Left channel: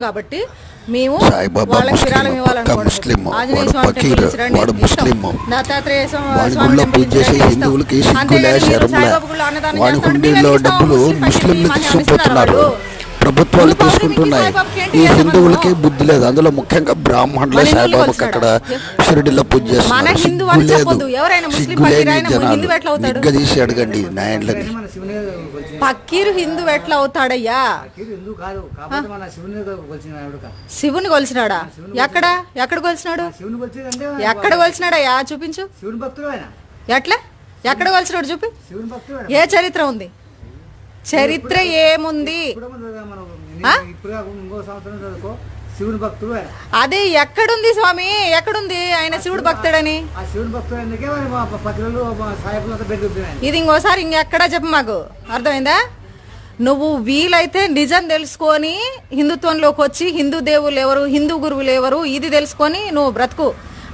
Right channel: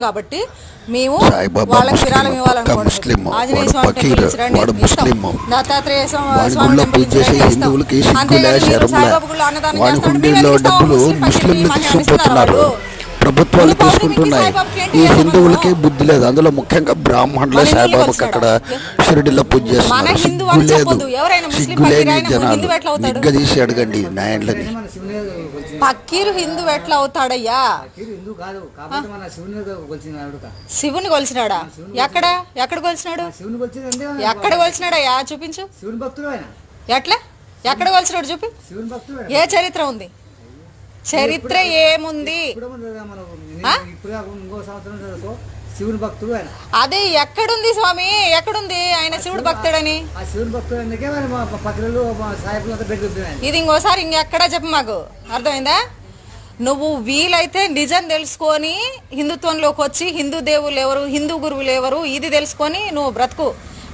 కాబట్టి మేము సాయిబాబా ముస్లిం వాడు ఫకీర్ వాడు ముస్లిం వాడి గుళ్ళో పూజ చేసే హిందువులకి సిగ్గులే శరంలే వాడి హుండీల్లో డబ్బులు ముస్లింలు తీసుకుపోతున్నారు ప్రభుత్వాలు తీసుకుంటున్నాయి ఈ హిందువులకి బుద్ధి లేదు అందులో ముఖ్యంగా బ్రాహ్మణులే సాయిబాబాకి అక్కడ షిరిడిలో పూజ చేస్తున్నారు సిగ్గు లేదు సిగ్గు లేని జనాలు నిగ్గదీసి అడగండి నాయన్లని ఫకీర్ హిందూ ఎట్లా అవుతాడయ్యా శివుని కొలిసినాడా ఎక్కడ ఎక్కడ కొలిసినాడు ఎక్కడ కొలిసినాడయ్యా చూపించు ఎట్లా ఎక్కడ కొలిసినాడు చూపి ఏ చరిత్ర ఉంది చరిత్ర ఏముంది అదే ఎక్కడుంది స్వామి ఎక్కడుంది ఆయన శివుడు భక్తుడని ఇది ఇంకోసారి ఇంకెక్కడా చెప్పు మాకు అర్థమైందా నువ్వు వీలైతే నిజం తెలుసుకొని హిందుత్వంలోకి వచ్చి హిందూ దేవుళ్ళు ఎవరు హిందూ గురువులు ఎవరు ఇది తెలుసుకొని నువ్వు బ్రతుకు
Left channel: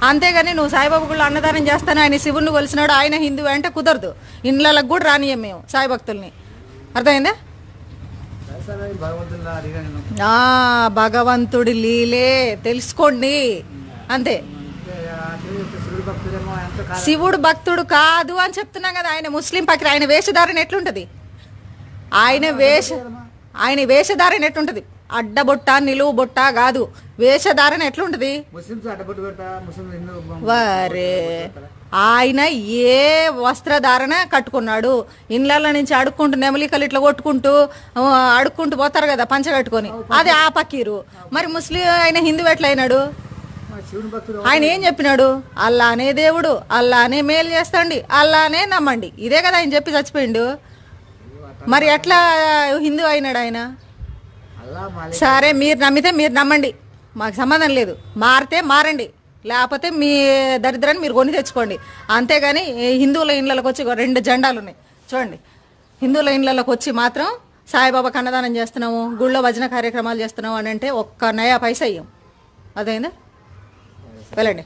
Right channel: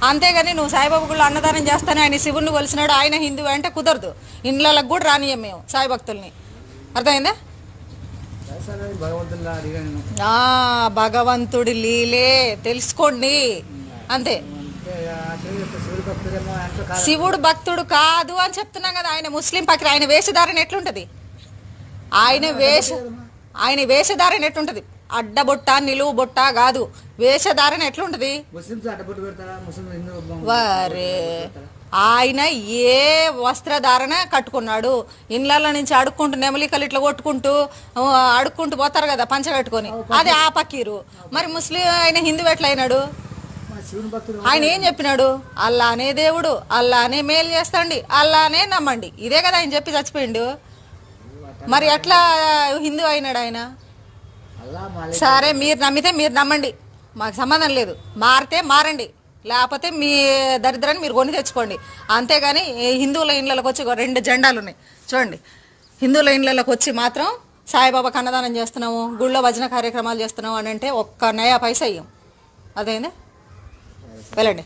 అంతేగాని నువ్వు సాయిబాబా కూడా అన్నదానం చేస్తాను ఆయన శివుడిని కొలిసినాడు ఆయన హిందూ అంటే కుదరదు ఇండ్లకు కూడా రానియం మేము సాయి భక్తుల్ని అర్థమైందా భగవంతుడి లీలే తెలుసుకోండి అంతే శివుడు భక్తుడు కాదు అని చెప్తున్నాం కదా ఆయన ముస్లిం పక్కన ఆయన వేషధారణ ఎట్లుంటది ఆయన వేషధారణ ఎట్లుంటది అడ్డబొట్ట నిలువు బొట్ట కాదు వేషధారణ ఎట్లుంటది వారే ఆయన ఏ వస్త్రధారణ కట్టుకున్నాడు ఇండ్ల నుంచి అడుక్కుంటూ నెమలికలు ఇట్లా కొట్టుకుంటూ అడుక్కుంటూ పోతారు కదా పంచ కట్టుకొని అది ఆ పకీరు మరి ముస్లిం ఆయన హిందూ ఎట్లయినాడు ఆయన ఏం చెప్పినాడు అల్లానే దేవుడు అల్లానే మేలు చేస్తాండి అల్లానే నమ్మండి ఇదే కదా ఆయన చెప్పి చచ్చిపోయిండు మరి ఎట్లా హిందూ అయినాడు ఆయన సరే మీరు నమ్మితే మీరు నమ్మండి మాకు సంబంధం లేదు మారితే మారండి లేకపోతే మీ దరిద్రాన్ని మీరు కొని తెచ్చుకోండి అంతేగాని హిందువుల ఇండ్లకి వచ్చి 2 జెండాలు ఉన్నాయి చూడండి హిందువుల ఇండ్లకి వచ్చి మాత్రం సాయిబాబాకి అన్నదానం చేస్తున్నాము గుళ్ళో భజన కార్యక్రమాలు చేస్తున్నాము అని అంటే ఒక్క నయా పైసా అయ్యాం అదేందా వెళ్ళండి.